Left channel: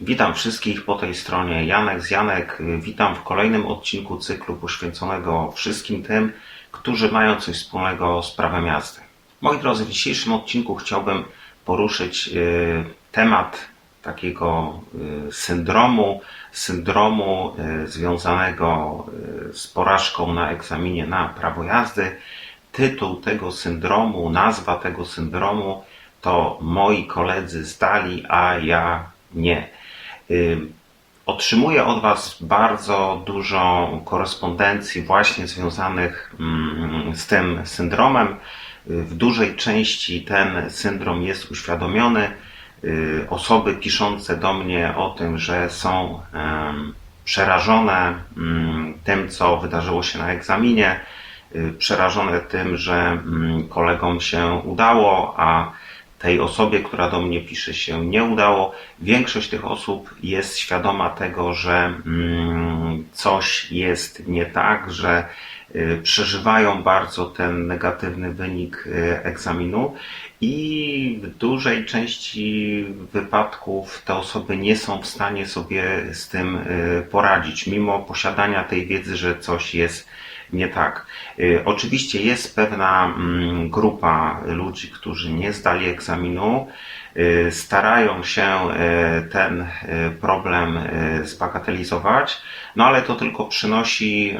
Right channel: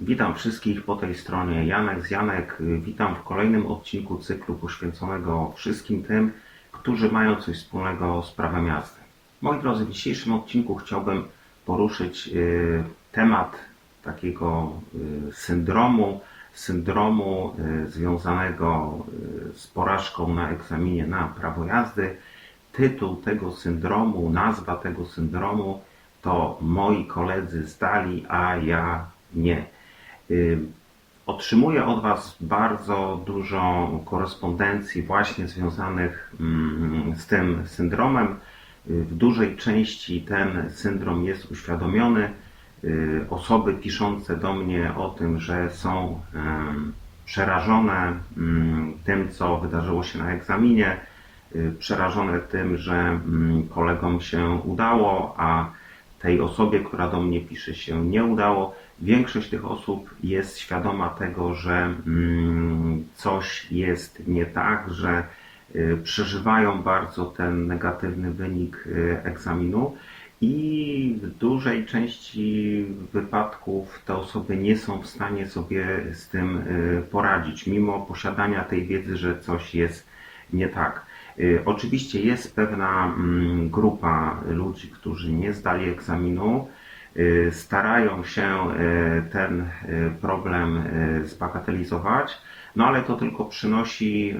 Witam wszystkich po tej stronie. Janek z Janek. Witam w kolejnym odcinku cyklu poświęconego wszystkim tym, którzy mają coś wspólnego z prawem jazdy. Moi drodzy, w dzisiejszym odcinku chciałbym poruszyć y, temat takiego y, syndromu, syndromu y, związanego z porażką na egzaminie na prawo jazdy. Tytuł tego syndromu, nazwa tego syndromu to moi koledzy zdali, a ja nie. Otrzymuję od Was bardzo dużo korespondencji właśnie związanych mm, z tym syndromem. Y, W dużej części ten syndrom jest uświadomiony. Y, Osoby piszące do mnie o tym, że są przerażone mm, tym, co wydarzyło się na egzaminie, y, przerażone tym, że mm, kolegom się udało, a tej osobie, która do mnie pisze, się nie udało. Większość tych osób jest świadoma tego, że mm, coś jest nie tak, że y, przeżywają bardzo ten negatywny wynik y, egzaminu i w dużej części wypadków te osoby nie są w stanie sobie z tym y, poradzić, mimo posiadania tej wiedzy, że coś jest nie tak. Y, Oczywiście jest pewna mm, grupa ludzi, którzy nie zdali egzaminu, y, starają się y, ten problem zbagatelizować, no ale to tylko przynosi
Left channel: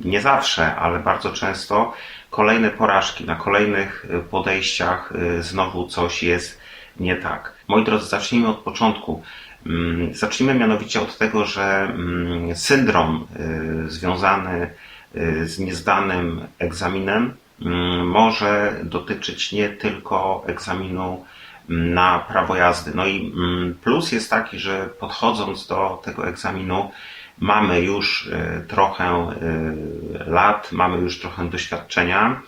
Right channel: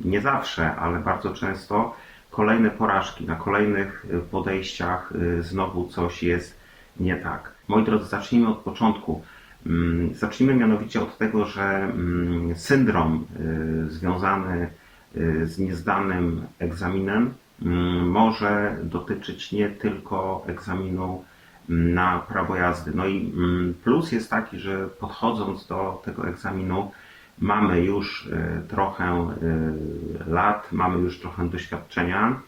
nie zawsze, ale bardzo często kolejne porażki. Na kolejnych podejściach znowu coś jest nie tak. Moi drodzy, zacznijmy od początku. Mm, Zacznijmy mianowicie od tego, że mm, syndrom y, związany y, z niezdanym egzaminem mm, może dotyczyć nie tylko egzaminu na prawo jazdy. No i plus jest taki, że podchodząc do tego egzaminu, mamy już y, trochę lat, mamy już trochę doświadczenia.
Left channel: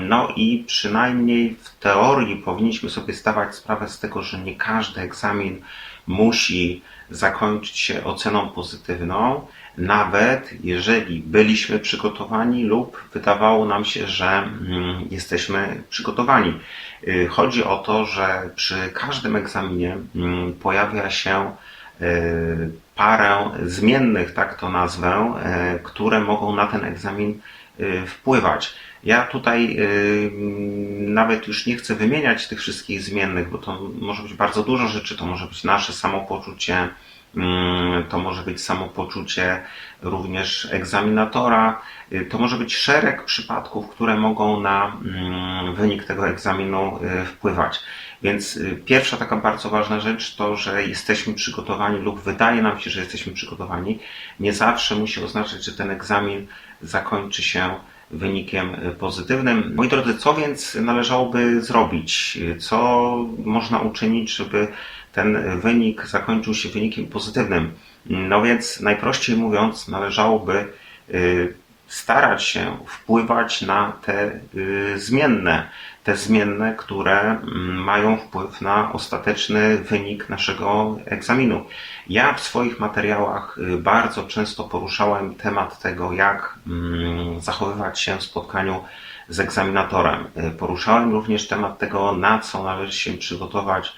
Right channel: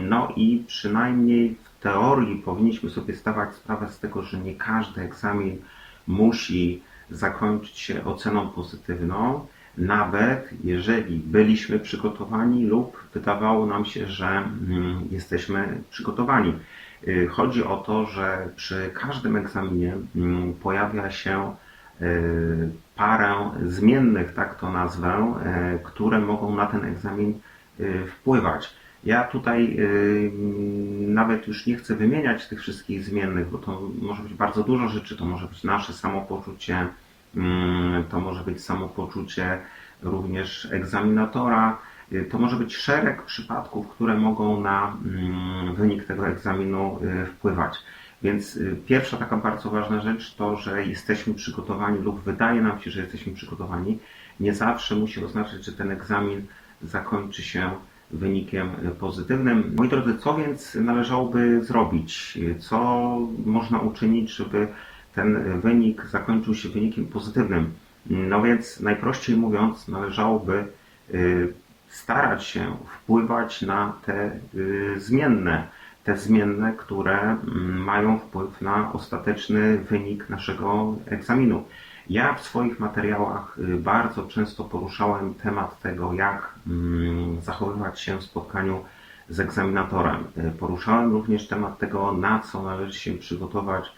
No i przynajmniej w teorii powinniśmy sobie zdawać sprawę z tego, że nie każdy egzamin musi zakończyć się oceną pozytywną, nawet jeżeli byliśmy przygotowani lub wydawało nam się, że mm, jesteśmy przygotowani. Y, Chodzi o to, że przy każdym egzaminie mm, pojawia się y, parę zmiennych, tak to nazwę, y, które mogą na ten egzamin wpływać. Ja tutaj y, nawet już nie chcę wymieniać tych wszystkich zmiennych, bo to może być bardzo dużo rzeczy. To może być nasze samopoczucie, mm, to może być samopoczucie również egzaminatora, y, to może być szereg przypadków, które mogą na mm, wynik tego egzaminu y, wpływać. Więc pierwsza taka bardzo ważna rzecz to, że jesteśmy przygotowani lub wydaje nam się, że jesteśmy przygotowani. Nie zawsze musi oznaczać, że ten egzamin zakończy się wynikiem pozytywnym. Moi drodzy, co więc należałoby zrobić? Co można uczynić, żeby ten wynik zakończył się wynikiem pozytywnym? No więc najprościej mówiąc, należałoby y, starać się wpływać na te y, zmienne, te zmienne, które mm, mają wpływ na ostateczny wynik naszego egzaminu. Ja w swoich materiałach y, bardzo często poruszałem temat tego, jak mm, zachowywać się w spotkaniu z egzaminatorem. Y, Poruszałem również temat tego, na co należy się przygotować,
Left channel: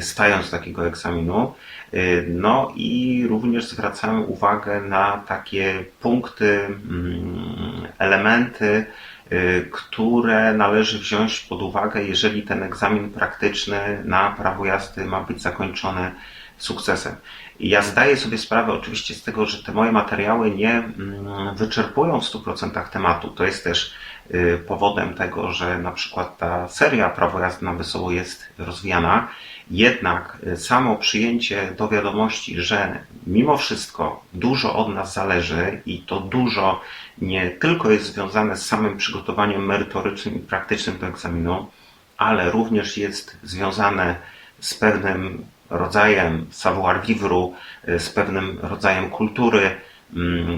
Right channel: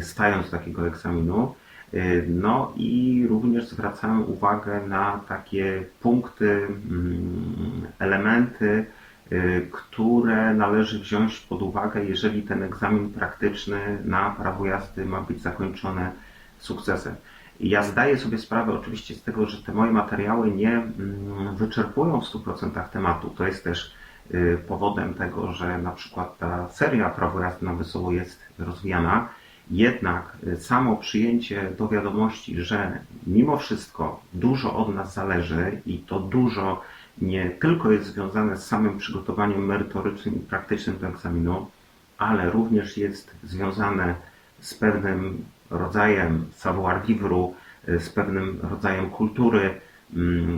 stając do takiego egzaminu. Y, No i również zwracałem uwagę na takie punkty, mm, elementy, y, które należy wziąć pod uwagę, jeżeli ten egzamin praktyczny na prawo jazdy ma być zakończony sukcesem. Ja zdaję sobie sprawę oczywiście z tego, że te moje materiały nie mm, wyczerpują w 100% tematu. To jest też y, powodem tego, że na przykład ta seria prawo jazdy na wesoło jest rozwijana. Jednak y, samo przyjęcie do wiadomości, że mimo wszystko dużo od nas zależy i to dużo nie tylko jest związane z samym przygotowaniem merytorycznym i praktycznym do egzaminu, ale również jest związane z pewnym rodzajem savoir-vivre, y, z pewnym rodzajem kultury,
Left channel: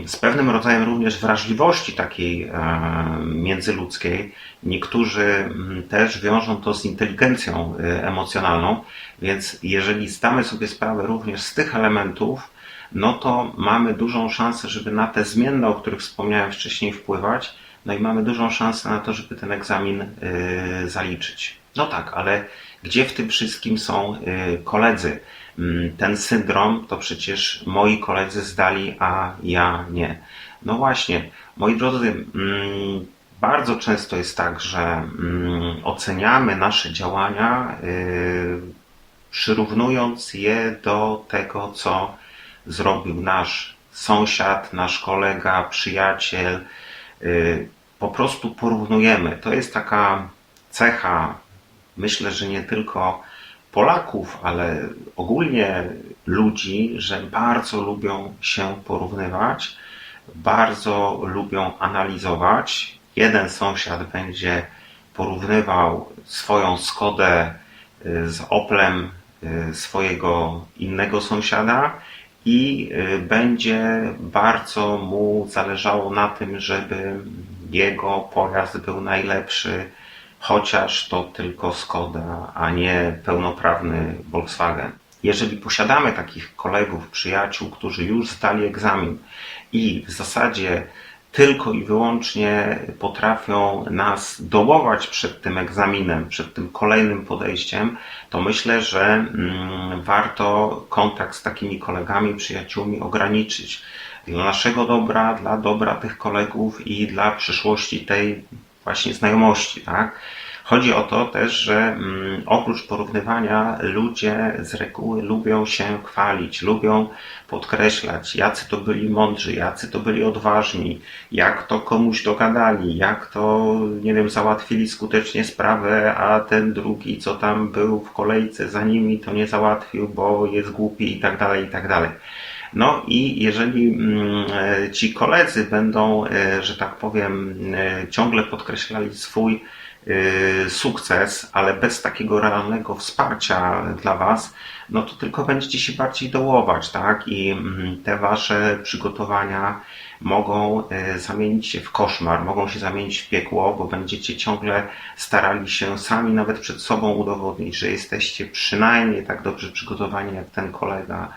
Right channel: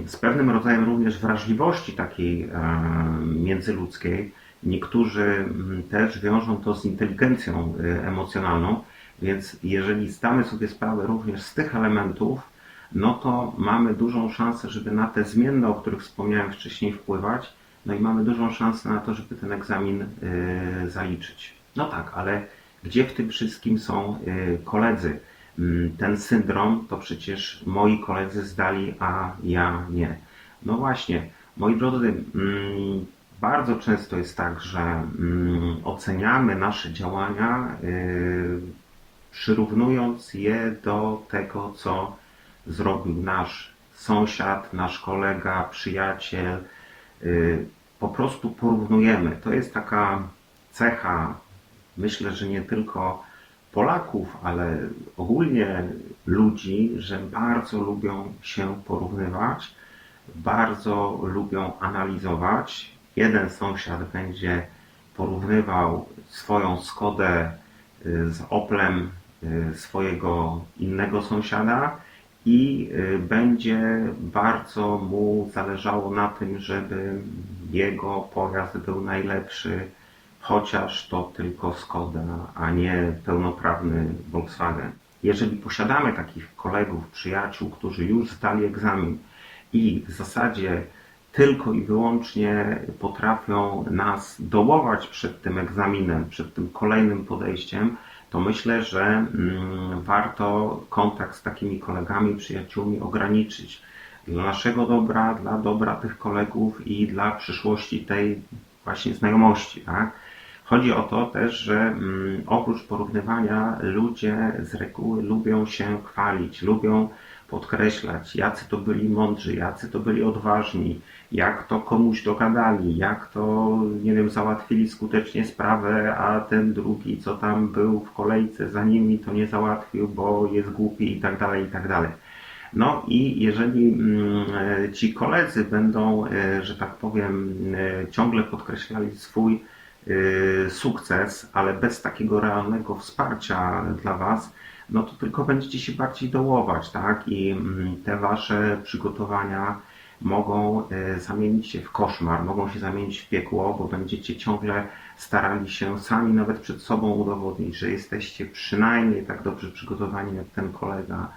z pewnym rodzajem również wrażliwości takiej e, międzyludzkiej. Niektórzy mm, też wiążą to z inteligencją y, emocjonalną, więc jeżeli zdamy sobie sprawę również z tych elementów, no to mamy dużą szansę, żeby na te zmienne, o których wspomniałem wcześniej, wpływać. No i mamy dużą szansę na to, żeby ten egzamin y, zaliczyć. No tak, ale gdzie w tym wszystkim są koledzy? Mm, ten syndrom to przecież moi koledzy zdali, a ja nie. No właśnie, moi drodzy, mm, bardzo często jest tak, że mm, oceniamy nasze działania, yy, przyrównując je do tego, co zrobił nasz sąsiad, nasz kolega, przyjaciel. Yy, Po prostu porównujemy. To jest taka cecha, myślę, że nie tylko Polaków, ale ogólnie ludzi, że bardzo lubią się porównywać, bardzo lubią analizować. Jeden sąsiad będzie porównywał swoją Skodę y, z Oplem y, swojego innego sąsiada i y, będzie bardzo mu zależało na tym, żeby jego pojazd był najlepszy, chociaż to tylko Skoda, a nie pełnoprawny Volkswagen. Jeżeli posiadamy takich kolegów, przyjaciół, którzy już zdali egzamin i w zasadzie tylko i wyłącznie potrafią nas dołować przed tym egzaminem, przed tym kolejnym podejściem, to myślę, że mm, warto kontakt z takimi kolegami, przyjaciółmi ograniczyć. Dla naszego dobra, dla dobra tych kolegów i dla przyszłości tej właśnie znajomości, tak? Chodzi o to też, że mm, oprócz porównywania ludzie z reguły lubią się chwalić, lubią podkreślać, jacy to byli mądrzy, jacy to byli odważni, jak to komuś dogadali, jak to, nie wiem, załatwili skutecznie sprawę, a ten drugi, co tam był w kolejce za nimi, to nie załatwił, bo jest głupi i tak dalej, i tak dalej. No i jeżeli mm, e, ci koledzy będą, e, że tak powiem, e, ciągle podkreślali swój sukces, ale bez takiego realnego wsparcia dla Was, no to tylko będziecie się bardziej dołować, tak? I mm, te Wasze przygotowania mogą zamienić się w koszmar, mogą się zamienić w piekło, bo będziecie ciągle starali się sami nawet przed sobą udowodnić, że jesteście przynajmniej tak dobrze przygotowani jak ten kolega.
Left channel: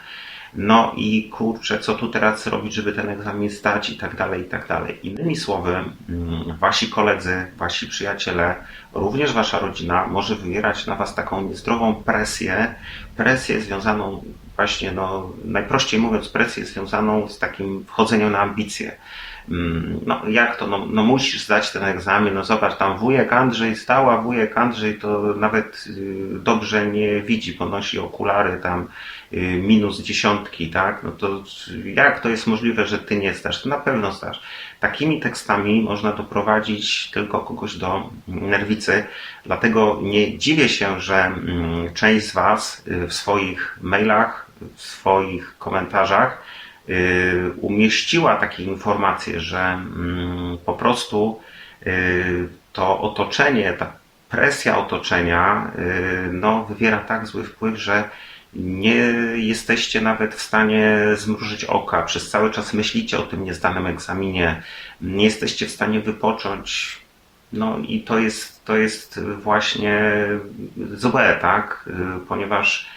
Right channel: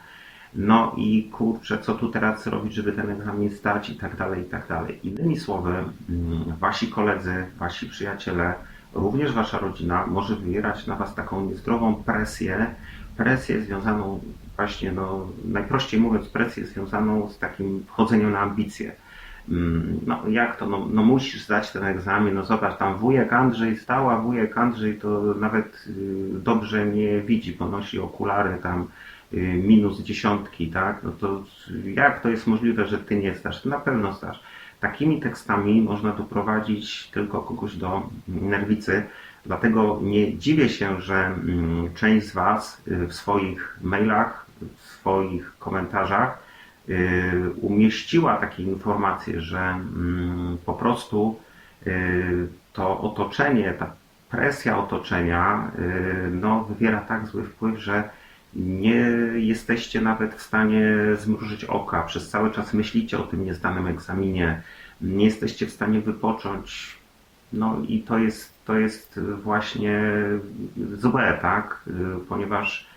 No i kurczę, co tu teraz zrobić, żeby ten egzamin zdać i tak dalej, i tak dalej. Innymi słowy, mm, wasi koledzy, wasi przyjaciele, również wasza rodzina może wywierać na was taką niezdrową presję, presję związaną właśnie, no najprościej mówiąc, presję związaną z takim wchodzeniem na ambicje. Mm, No jak to, no, no musisz zdać ten egzamin, no zobacz, tam wujek Andrzej stał, a wujek Andrzej to nawet y, dobrze nie widzi, bo nosi okulary tam y, minus dziesiątki, tak? No to jak to jest możliwe, że ty nie zdasz? To na pewno zdasz. Takimi tekstami można doprowadzić tylko kogoś do nerwicy, dlatego nie dziwię się, że mm, część z Was y, w swoich mailach, w swoich komentarzach umieściła takie informacje, że mm, po prostu y, to otoczenie, ta presja otoczenia y, no, wywiera tak zły wpływ, że nie jesteście nawet w stanie zmrużyć oka, przez cały czas myślicie o tym niezdanym egzaminie, nie jesteście w stanie wypocząć. No i to jest, to jest właśnie złe, tak? Y, Ponieważ y,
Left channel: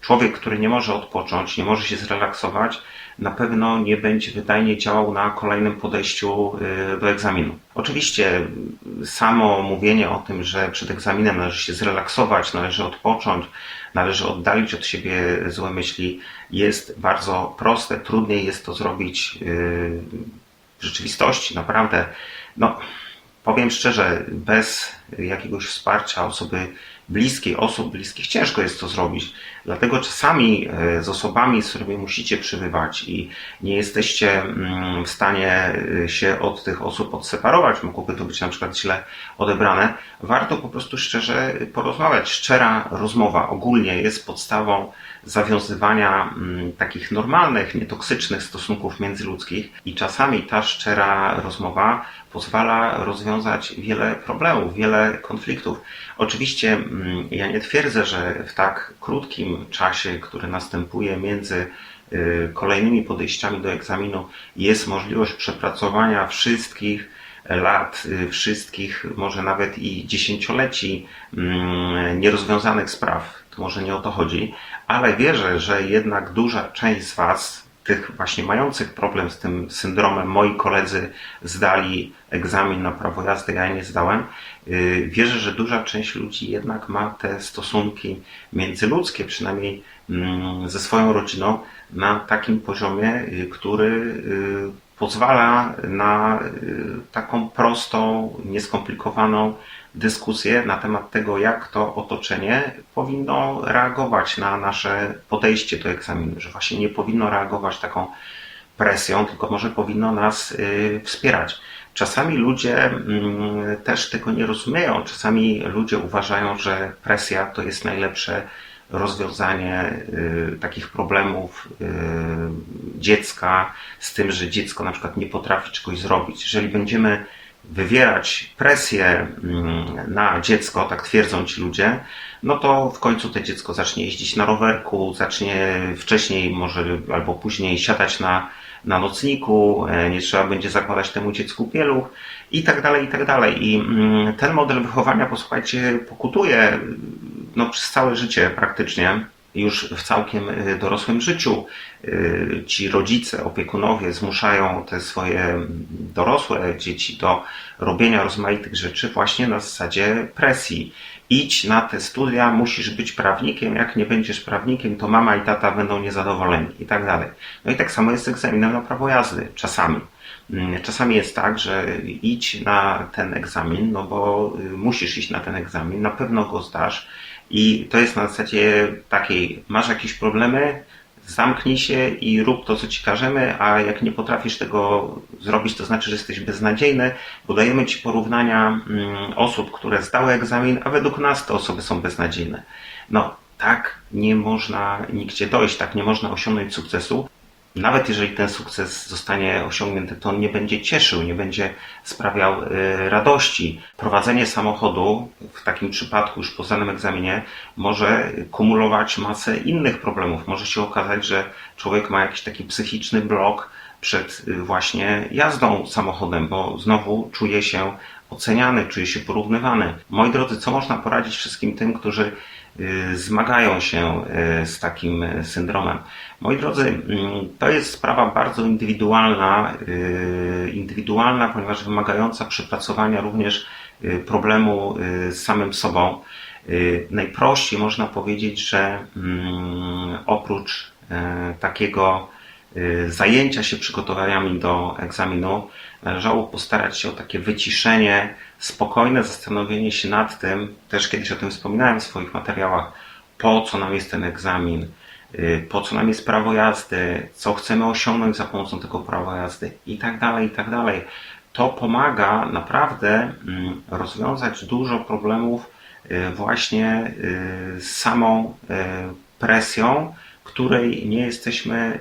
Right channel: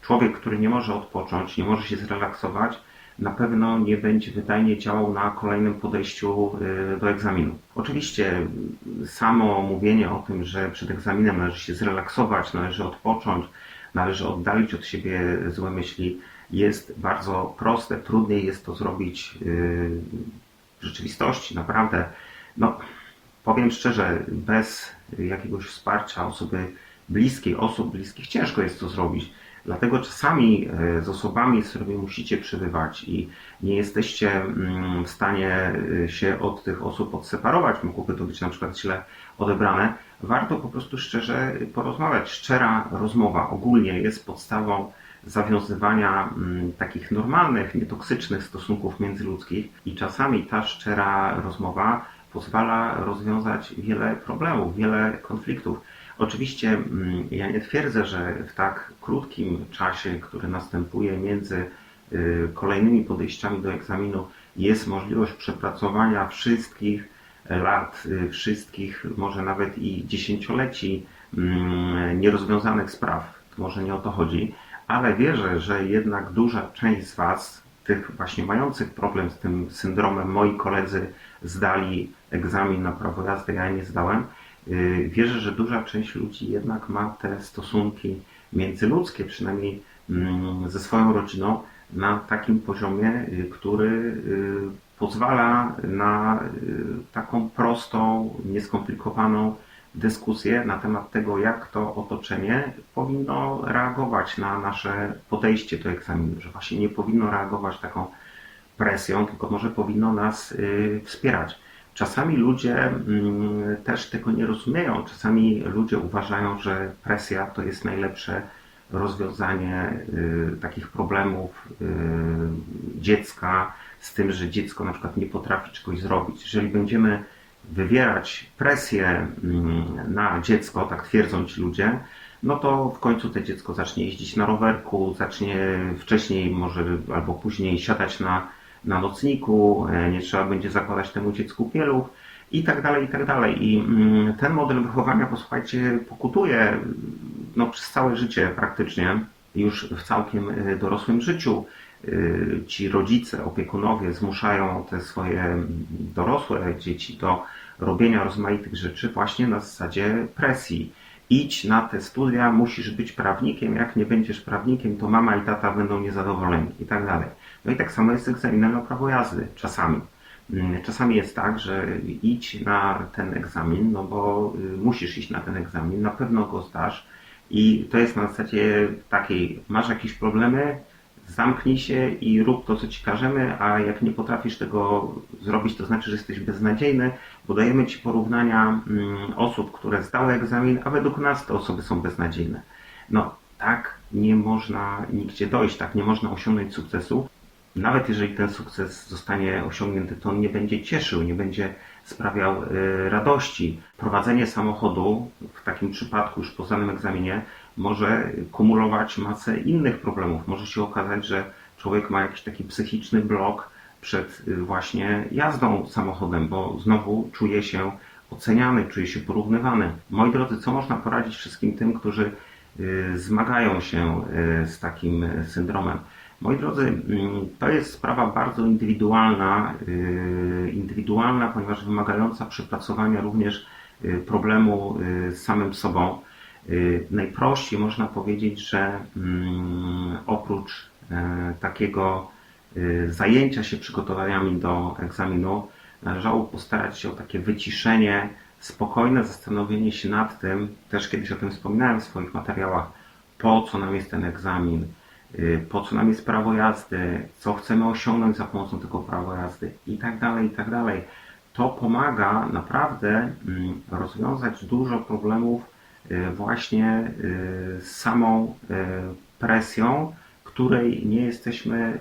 człowiek, który nie może odpocząć, nie może się zrelaksować, na pewno nie będzie wydajnie działał na kolejnym podejściu y, do egzaminu. Oczywiście y, samo mówienie o tym, że przed egzaminem należy się zrelaksować, należy odpocząć, należy oddalić od siebie złe myśli, jest bardzo proste. Trudniej jest to zrobić y, w rzeczywistości, naprawdę. No, powiem szczerze, bez jakiegoś wsparcia osoby bliskiej, osób bliskich, ciężko jest to zrobić. Dlatego czasami e, z osobami, z którymi musicie przebywać i nie jesteście mm, w stanie e, się od tych osób odseparować, mogłoby to być na przykład źle odebrane, warto po prostu szczerze porozmawiać. Szczera rozmowa ogólnie jest podstawą zawiązywania mm, takich normalnych, nietoksycznych stosunków międzyludzkich i czasami ta szczera rozmowa pozwala rozwiązać wiele problemów, wiele konfliktów. Oczywiście mm, ja nie twierdzę, że w tak krótkim czasie, który następuje między y, kolejnymi podejściami do egzaminu, jest możliwość przepracowania wszystkich lat, y, wszystkich, może nawet i dziesięcioleci mm, nierozwiązanych spraw. To może nie o to chodzi, ale wierzę, że jednak duża część z Was, tych właśnie mających problem z tym syndromem, moi koledzy zdali egzamin na prawo jazdy, ja nie zdałem. yy, Wierzę, że duża część ludzi jednak ma te stosunki międzyludzkie, przynajmniej mm, ze swoją rodziną na takim poziomie, y, który y, pozwala na y, taką prostą, nieskomplikowaną dyskusję na temat tego, jak to otoczenie powinno reagować na nasze podejście do egzaminu, że właśnie nie powinno reagować taką presją, tylko może powinno nas y, wspierać. Czasami ludzie mm, też tego nie rozumieją. Czasami ludzie uważają, że presja to jest najlepsze rozwiązanie y, takich problemów y, dziecka z tym, że dziecko na przykład nie potrafi czegoś zrobić. Jeżeli będziemy wywierać presję mm, na dziecko, tak twierdzą ci ludzie, no to w końcu to dziecko zacznie jeździć na rowerku, zacznie wcześniej może albo później siadać na, na nocniku, e, nie trzeba będzie zakładać temu dziecku pieluch i tak dalej, i tak dalej. I mm, ten model wychowania, posłuchajcie, pokutuje no, przez całe życie praktycznie już w całkiem y, dorosłym życiu y, ci rodzice, opiekunowie zmuszają te swoje dorosłe dzieci do robienia rozmaitych rzeczy właśnie na zasadzie presji. Idź na te studia, musisz być prawnikiem, jak nie będziesz prawnikiem, to mama i tata będą niezadowoleni i tak dalej. No i tak samo jest z egzaminem na prawo jazdy czasami. Mm, czasami jest tak, że idź na ten egzamin, no bo y, musisz iść na ten egzamin, na pewno go zdasz, i to jest na zasadzie takiej, masz jakieś problemy, zamknij się i rób to, co ci każemy, a jak nie potrafisz tego zrobić, to znaczy, że jesteś beznadziejny, bo dajemy ci porównania mm, osób, które zdały egzamin, a według nas te osoby są beznadziejne. No, tak nie można nigdzie dojść, tak nie można osiągnąć sukcesu nawet jeżeli ten sukces zostanie osiągnięty, to on nie będzie cieszył, nie będzie sprawiał y, radości. Prowadzenie samochodu w takim przypadku, już po znanym egzaminie, może kumulować masę innych problemów. Może się okazać, że człowiek ma jakiś taki psychiczny blok przed y, właśnie jazdą samochodem, bo znowu czuje się oceniany, czuje się porównywany. Moi drodzy, co można poradzić wszystkim tym, którzy zmagają się y, z takim syndromem. Moi drodzy, mm, to jest sprawa bardzo indywidualna, y, indywidualna, ponieważ wymagająca przepracowania również problemu z samym sobą. Najprościej można powiedzieć, że mm, oprócz takiego zajęcia się przygotowaniami do egzaminu, należało postarać się o takie wyciszenie, spokojne zastanowienie się nad tym, też kiedyś o tym wspominałem w swoich materiałach, po co nam jest ten egzamin, y, po co nam jest prawo jazdy, co chcemy osiągnąć za pomocą tego prawa jazdy i tak dalej, i tak dalej. To pomaga naprawdę mm, rozwiązać dużo problemów y, właśnie y, z samą presją, której nie jesteśmy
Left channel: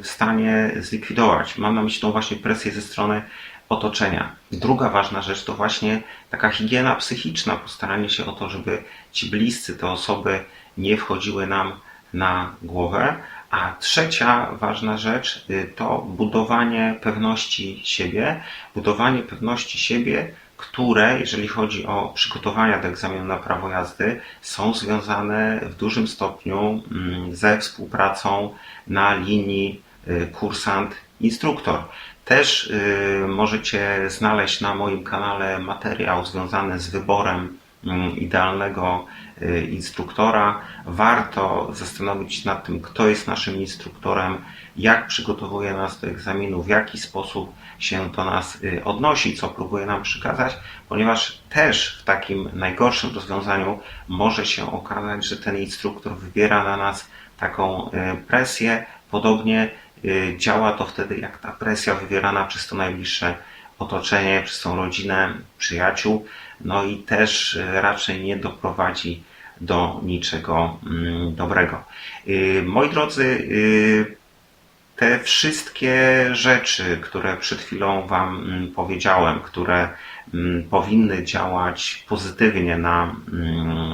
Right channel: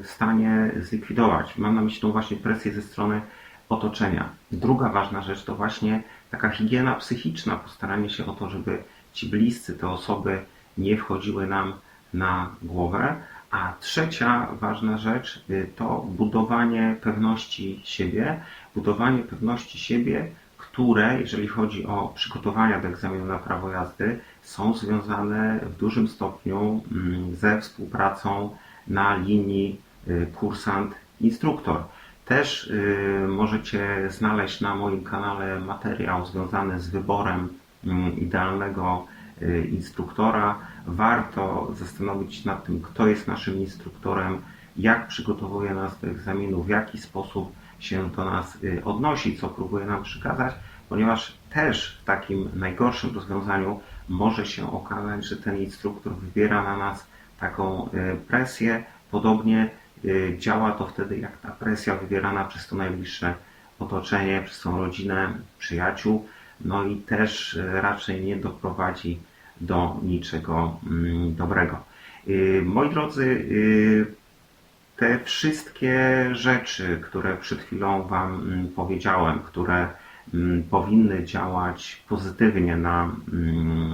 w stanie zlikwidować. Mam na myśli tą właśnie presję ze strony otoczenia. Druga ważna rzecz to właśnie taka higiena psychiczna, postaranie się o to, żeby ci bliscy, te osoby nie wchodziły nam na głowę. A trzecia ważna rzecz y, to budowanie pewności siebie, budowanie pewności siebie, które, jeżeli chodzi o przygotowania do egzaminu na prawo jazdy, są związane w dużym stopniu mm, ze współpracą na linii y, kursant-instruktor. Też y, możecie znaleźć na moim kanale materiał związany z wyborem mm, idealnego y, instruktora. Warto zastanowić się nad tym, kto jest naszym instruktorem, jak przygotowuje nas do egzaminu, w jaki sposób się do nas y, odnosi, co próbuje nam przekazać, ponieważ też w takim najgorszym rozwiązaniu może się okazać, że ten instruktor wybiera na nas taką presję, podobnie Y, działa to wtedy jak ta presja wywierana przez to najbliższe otoczenie, przez tą rodzinę, przyjaciół, no i też y, raczej nie doprowadzi do niczego mm, dobrego. Y, moi drodzy, te wszystkie rzeczy, które przed chwilą Wam mm, powiedziałem, które mm, powinny działać pozytywnie na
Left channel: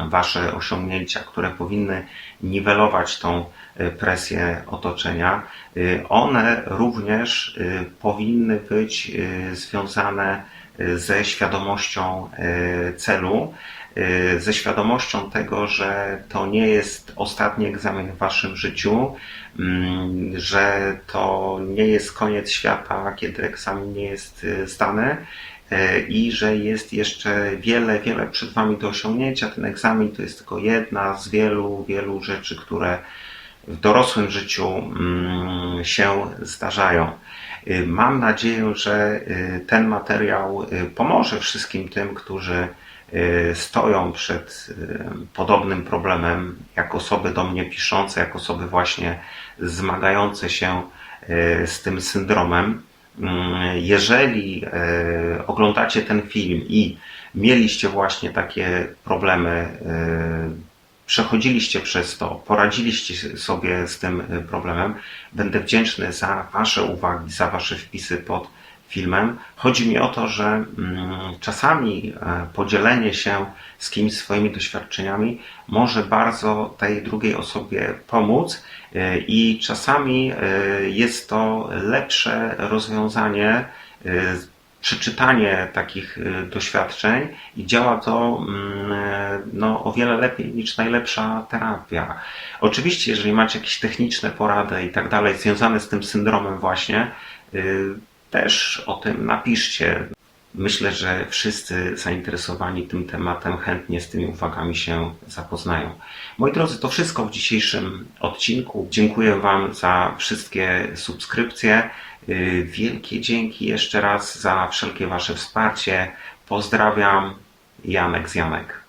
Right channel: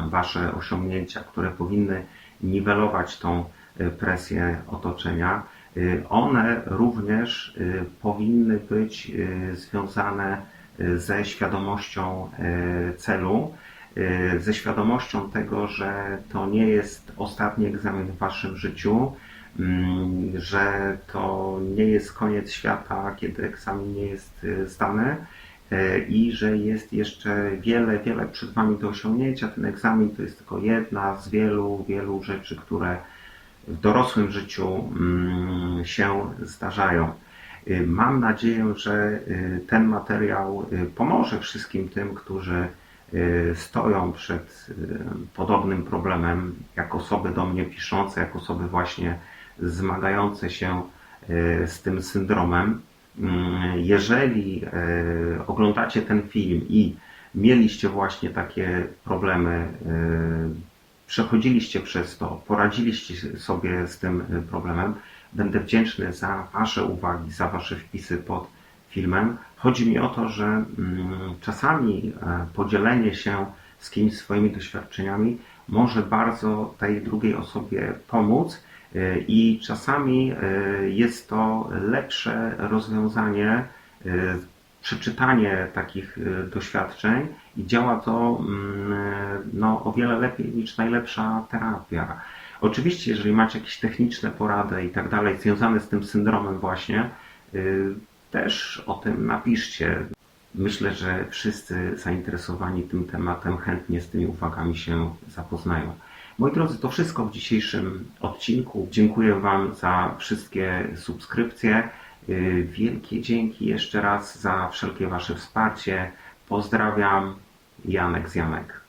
Wasze osiągnięcia, które powinny niwelować tą presję otoczenia, y, one również y, powinny być y, związane ze świadomością celu, ze świadomością tego, że to nie jest ostatni egzamin w waszym życiu, mm, że to nie jest koniec świata, kiedy egzamin nie jest zdany i że jest jeszcze wiele, wiele przed wami do osiągnięcia. Ten egzamin to jest tylko jedna z wielu, wielu rzeczy, które w dorosłym życiu mm, się zdarzają. Y, Mam nadzieję, że y, ten materiał y, pomoże wszystkim tym, którzy y, stoją przed y, podobnym problemem, jak osoby do mnie piszące, jak osoby właśnie zmagające się y, z tym syndromem. Mm, Jeżeli y, oglądacie ten film i mieliście właśnie takie problemy, y, przechodziliście przez to, poradziliście sobie z tym y, problemem, będę wdzięczny za Wasze uwagi, za Wasze wpisy pod filmem. Chodzi mi o to, że mm, czasami e, podzielenie się z kimś swoimi doświadczeniami może bardzo tej drugiej osobie pomóc e, i czasami e, jest to lepsze rozwiązanie, przeczytanie takich doświadczeń i działa to mm, no, o wiele lepiej niż najlepsza terapia. Oczywiście, jeżeli macie jakieś techniczne porady i tak dalej związane z tym syndromem właśnie, też o tym napiszcie. Myślę, że wszyscy zainteresowani tym tematem chętnie z tymi uwagami się zapoznają. Moi drodzy, to wszystko w dzisiejszym odcinku. Dziękuję Wam za wszystkie subskrypcje. Y, Wielkie dzięki jeszcze raz za wszelkie Wasze wsparcie. Pozdrawiam. Janek z Janek.